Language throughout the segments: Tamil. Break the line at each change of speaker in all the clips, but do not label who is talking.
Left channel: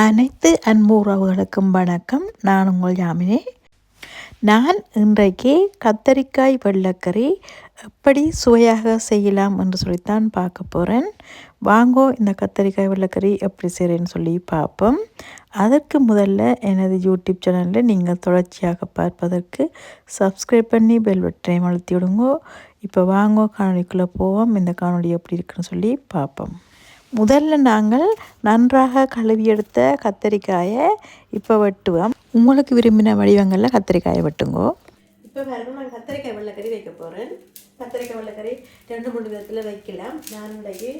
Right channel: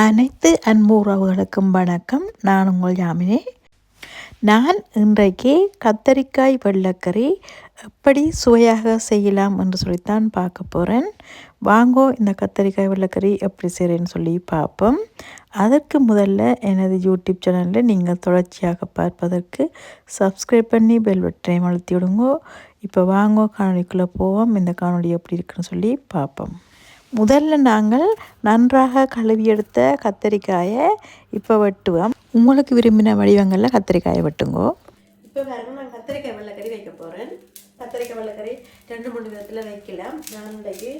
அனைத்து அன்பு உறவுகளுக்கும் வணக்கம். நான் உங்கள் யாமினே நான் இன்றைக்கு கத்தரிக்காய் வெள்ளக்கறி எப்படி சுவையாக செய்யலாம் என்று சொல்லித்தான் பார்க்க போகிறேன் வாங்கோ இந்த கத்தரிக்காய் வெள்ளக்கறி எப்படி செய்கிறேன்னு சொல்லி பார்ப்போம். அதற்கு முதல்ல எனது யூடியூப் சேனலில் நீங்கள் தொடர்ச்சியாக பார்ப்பதற்கு சப்ஸ்கிரைப் பண்ணி பெல் பட்டனை அழுத்தி விடுங்கோ. இப்போ வாங்கோ காணொலிக்குள்ளே போவோம். இந்த காணொலி எப்படி இருக்குன்னு சொல்லி பார்ப்போம். முதல்ல நாங்கள் நன்றாக கழுவி எடுத்த கத்தரிக்காயை இப்போ வெட்டுவோம். உங்களுக்கு விரும்பின வடிவங்களில் கத்தரிக்காயை வெட்டுங்கோ.
இப்போ பாருங்கள் நான் கத்திரிக்காய் வெள்ளைக்கறி வைக்க போகிறேன் கத்திரிக்காய் வெள்ளைக்கறி ரெண்டு மூணு விதத்தில் வைக்கலாம். நான் இன்றைக்கு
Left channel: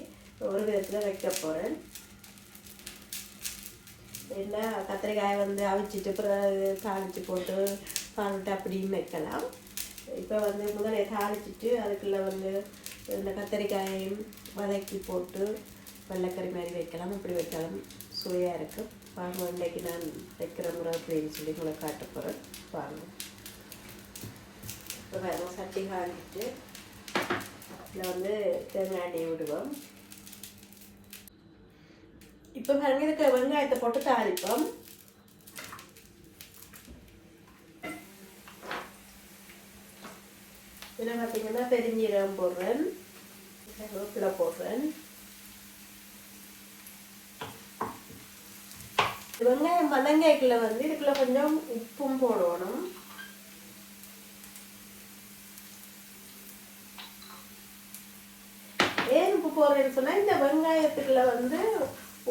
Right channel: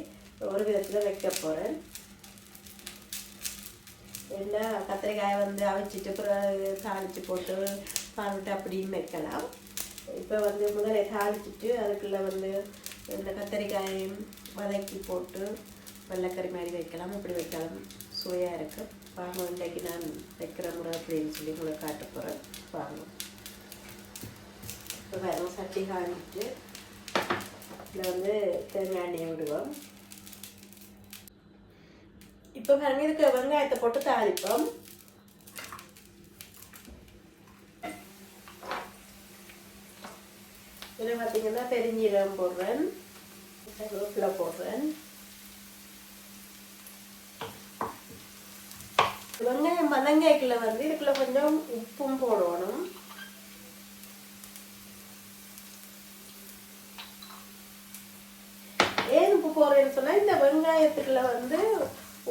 ஒரு விதத்தில் வைக்க போகிறேன் இல்லை கத்திரிக்காயை வந்து அவிச்சிட்டு பிறகு தாளித்து போட்டு பால்விட்டு அப்படியும் வைக்கலாம். இப்போ வந்து முதல்ல தாளிச்சிட்டு அதுக்குள்ளே வந்து இந்த கத்திரிக்காயையும் வதக்கி போட்டு வெள்ளைக்கறி மாதிரி வைக்கலாம். இப்படி வைக்கலாம் சுவையாக இருக்கும். வாங்க இன்றைக்கு நான் வைக்கிற முறை அப்படின்னு சொல்லி உங்களை காட்ட போகிறேன் வாங்க. இப்போ பாருங்க சட்டி காஞ்சிட்டு இதில் வந்து தேங்காய் எண்ணெயை விடுவோம். இப்போ பாருங்க இதுக்கு வெங்காயத்தை போட்டு தாளிப்போம். இதில் பார்த்தீங்கன்னா பெருஞ்சீரகம் போடுறேன். கருவேப்பிலை போடுறேன். வெங்காயம் பதங்காய்க்குள்ள வந்து இதுக்குள்ள கொஞ்சம் உப்பும் போடணும். ஏன் உப்பு போடுறேன்னு சொன்னா இந்த வெங்காயத்துக்குள்ள வந்து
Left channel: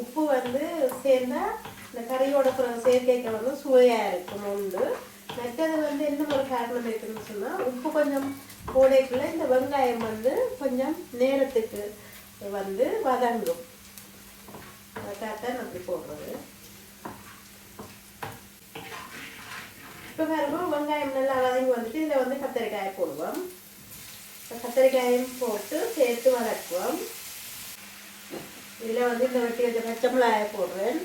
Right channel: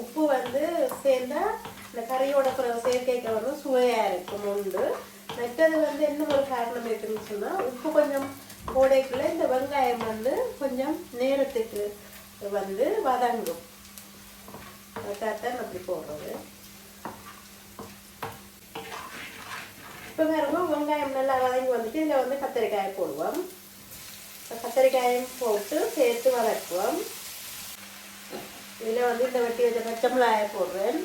உப்பு வந்து சேர்ந்தா இந்த கறியோட பிறகு சேர்க்கைக்கு வந்து சுவையா இருக்கும் உண்டு. மற்றது வந்து என்ன ஒரு காரணம் இருக்குன்னு சொன்னா உப்பு கொஞ்சம் போடைக்குள்ள இந்த வெங்காயம் வந்து கொஞ்சம் நேரத்துக்கு வந்து வதங்கும். அதுக்காகத்தான் அப்படி போடுறது. இப்போ பாருங்க வெங்காயம் நல்லா வதங்கி வந்துட்டு இதில் வந்து கத்தரிக்காயை போடுவோம். கத்தரிக்காயும் போட்டு சேர்த்து வதக்குவோம். இதில் வந்து இந்த வெட்டி வச்ச பச்சை மிளகாயை போடுறேன்.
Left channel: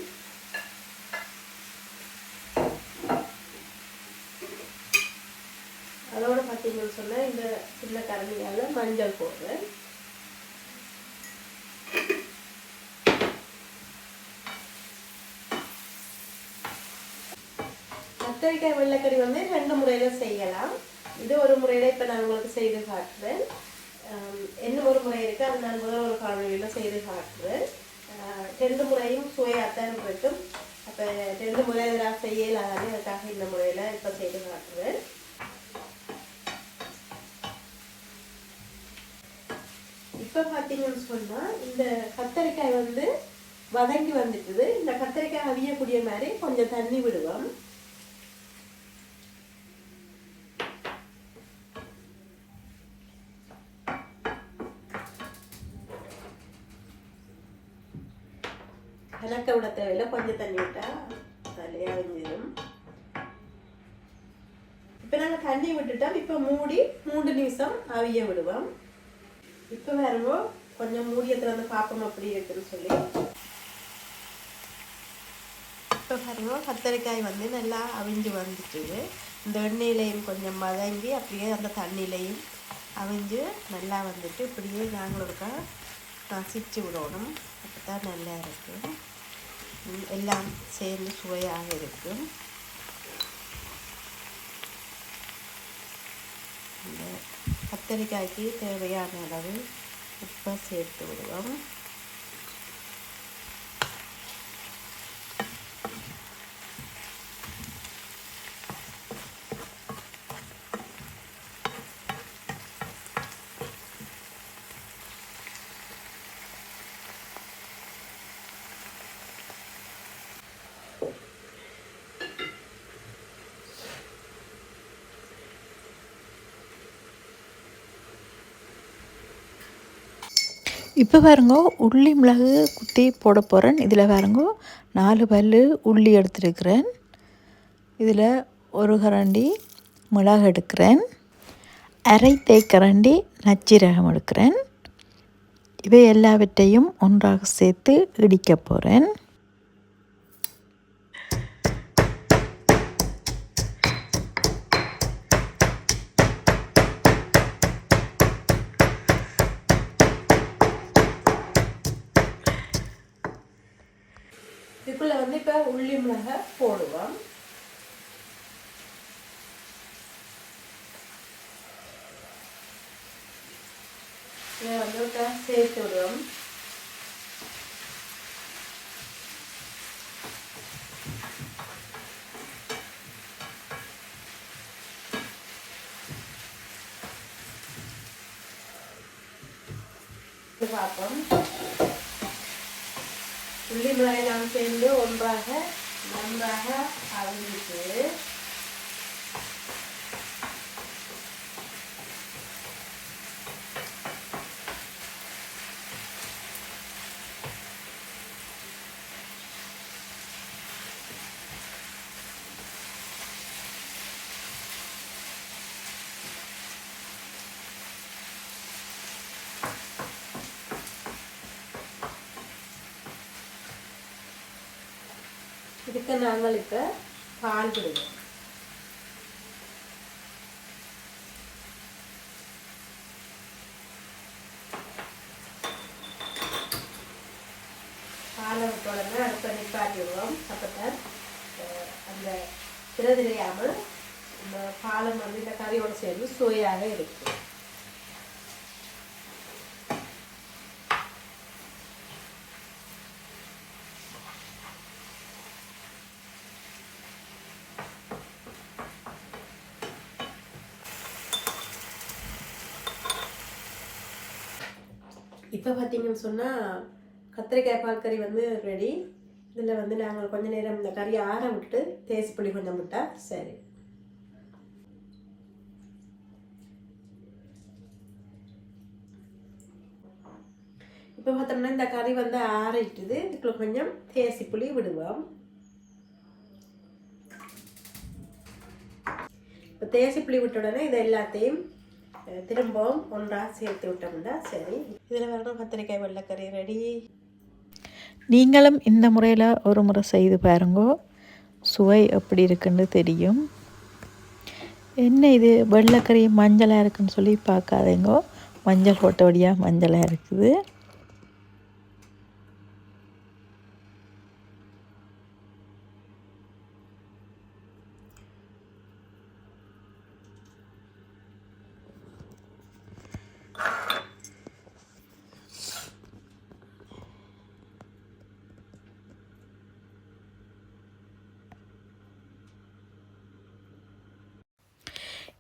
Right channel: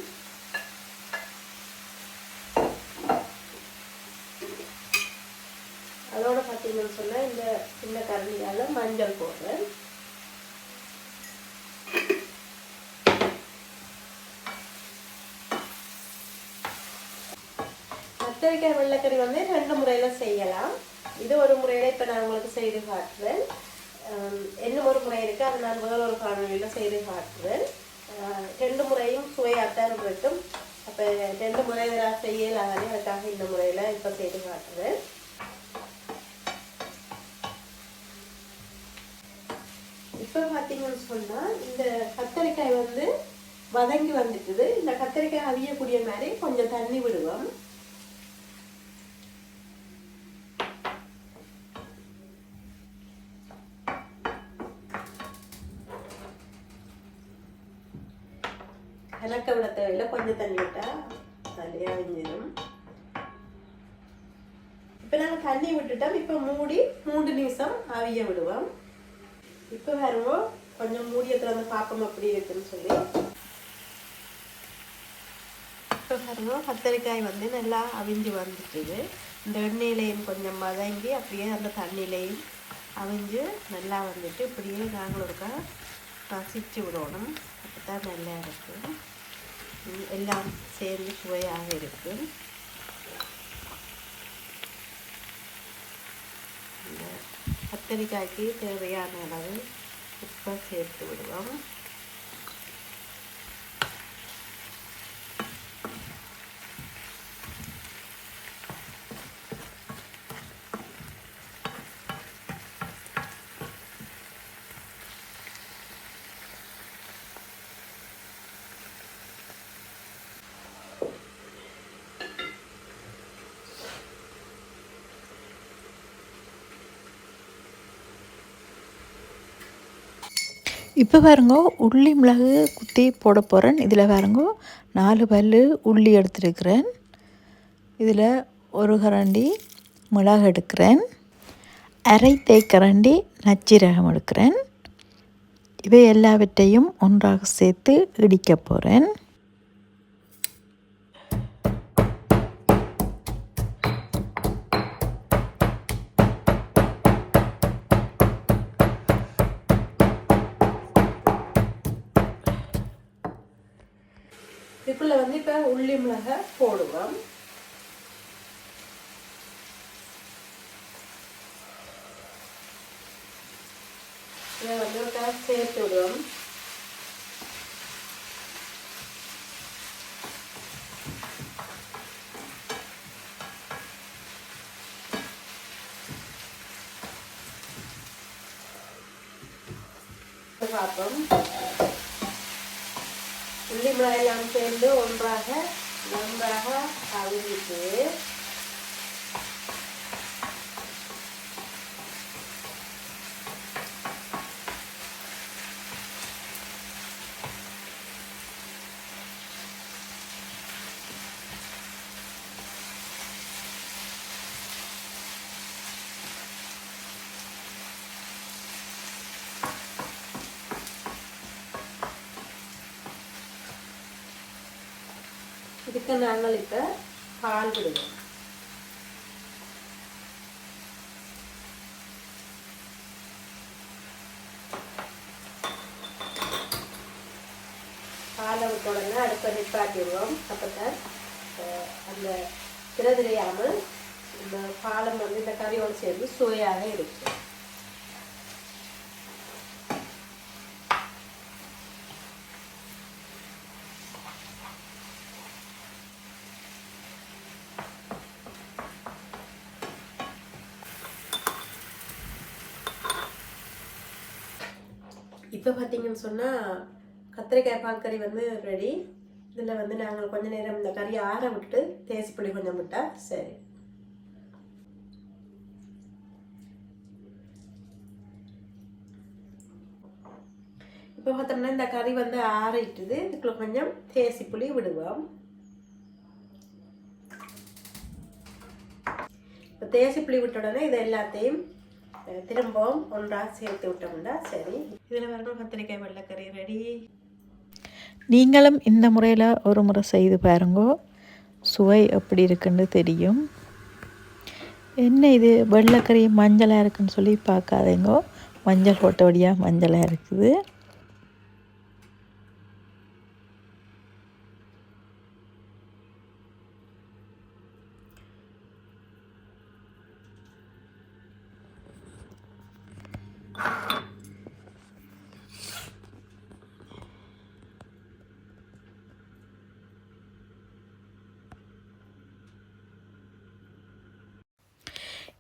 அதோட பார்த்தீங்கன்னு சொன்னால் இந்த சின்ன கரண்டியால் மஞ்சள் போடுறேன். கத்திரிக்காய் வெள்ளைக்கறி வந்து ரெண்டு முறையில் செய்யலாம். இது ஒரு முறையில் இப்போ நான் உங்களுக்கு செய்து காட்டுறேன். என்ன ஒரு முறை இருக்குது அது நான் முதல் ஒரு காணொலியில் செய்து காட்டுறேன். ரெண்டு முறையும் சுவையாத்தான் இருக்கும். அப்போ ரெண்டு முறையில் நான் செய்யலாகவே அதுக்காக இந்த முறையில் இப்போ செய்து காட்டுறேன். இப்போ பார்த்தீங்கன்னு சொன்னால் இந்த கத்தரிக்காய் வந்து வதங்கி வந்துட்டுது இந்த கத்தரிக்காய் அவியக்கூடிய மாதிரி கொஞ்சம் தண்ணி விடுவோம். கலக்க விட தேவையில்லை கொஞ்சம் தண்ணி விட்டால் சரியாக வெஞ்சிடும் இப்போ நாங்கள் தண்ணி விட்டுட்டோம் இப்போ மூடி மூன்று நிமிஷம் அவிய விடுவோம் இப்போ வருவோம் கொஞ்சம் மூடியை திறந்து பார்ப்போம் அப்படி இருக்குன்னு சொல்லி இப்போ வருவோம் கத்தரிக்காய் வந்து நல்லா அவிஞ்சு வந்துட்டுது இந்த எண்ணெயிலையும் கொஞ்சம் மதங்கி அப்படியே அந்த தண்ணியிலையும் அவிஞ்சு நல்லா வந்துட்டு இப்படியே நாங்களும் இருக்கா ரசிச்சு விடணும் அப்போ தான் நல்லா இருக்கும் எல்லாம் சேர்ந்து சுவையாக இருக்கும் இந்த கத்தரிக்காய்க்கு தேவையான அளவு உப்பை சேர்த்து விடுவோம்
இப்போ பாருங்க உள்ளி மிளகு குத்தி போட போகிறேன் இதில் பாருங்க நாலு பல் உள்ளி எடுத்துருக்கிறேன். இதில் ஒரு கரண்டி மிளகு எடுக்கிறேன். அரை தேக்கரண்டி நச்சீரகம் எடுக்கிறேன். இவை எல்லாவற்றையும் ஒன்றாக சேர்த்து இடிக்க போகிறேன்
உள்ளி மிளகை போடுவோம். இதை வந்து சேர்த்து விடுவோம். பார்ப்போம். உள்ளி மிளகாயெல்லாம் சேர்ந்து ஒன்றாக நன்றாக அவிஞ்சிட்டு இதுக்கு நாங்கள் இப்போ பால் விடுவோம் பாலை விட்ட உடனே அடுப்பை நிப்பாட்டிடுவோம். அப்போதான் அஹ், அந்த திரதிரியாமல் நம்ம பாலம் வந்து இந்த கறியோடு சேர்ந்து சுவையாக இருக்கும். இப்போ பார்த்தீங்கன்னு சொன்னால் கத்திரிக்காய் பால் கறி வந்து ரெடி இதில் வந்து நாங்கள் கொஞ்ச நேரம் இந்த கறியை ஆற விட்டுட்டு புளி கொஞ்சம் விட்டால் சரி. இப்போ பார்த்தோம்னா இந்த கறி வந்து ஆறிட்டுது. இதுக்குள்ள கொஞ்சம் தேசி புளி விடுவோம். இப்போ தேசி புளி விட்ட உடனே இது எல்லாத்தையும் திரும்பவும் ஒன்றாக சேர்த்து விட்டோம்னா சரி. இதில் வரணும் கத்திரிக்காய் வெள்ளைக்கறி ரெடி
நீங்களும் இந்த முறையில் ஒரு முறை செய்து பாருங்கோ. சுவை எப்படி இருக்குன்னு தெரியும். என்ன இது? வெள்ளைக்கறி மஞ்சளாக இருக்குன்னு சொல்லி பார்க்காதேங்கோ. மஞ்சள் போட்டபடியாக மஞ்சளாக இருக்குது.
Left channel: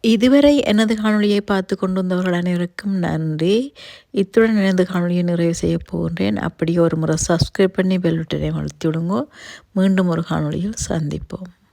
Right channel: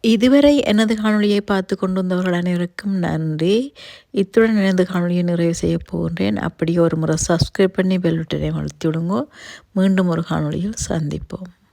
இதுவரை எனது காணொளியை பார்த்து கொண்டு வந்தவர்கள் அனைவருக்கும் நன்றி. இத்துடன் எனது காணொளியை நிறைவு செய்ய போகின்றேன். அப்படியே ஒரு முறை சப்ஸ்கிரைப் பண்ணி பெல் பட்டனை அழுத்தி விடுங்க. மீண்டும் ஒரு காணொலியில் சந்திப்போம்.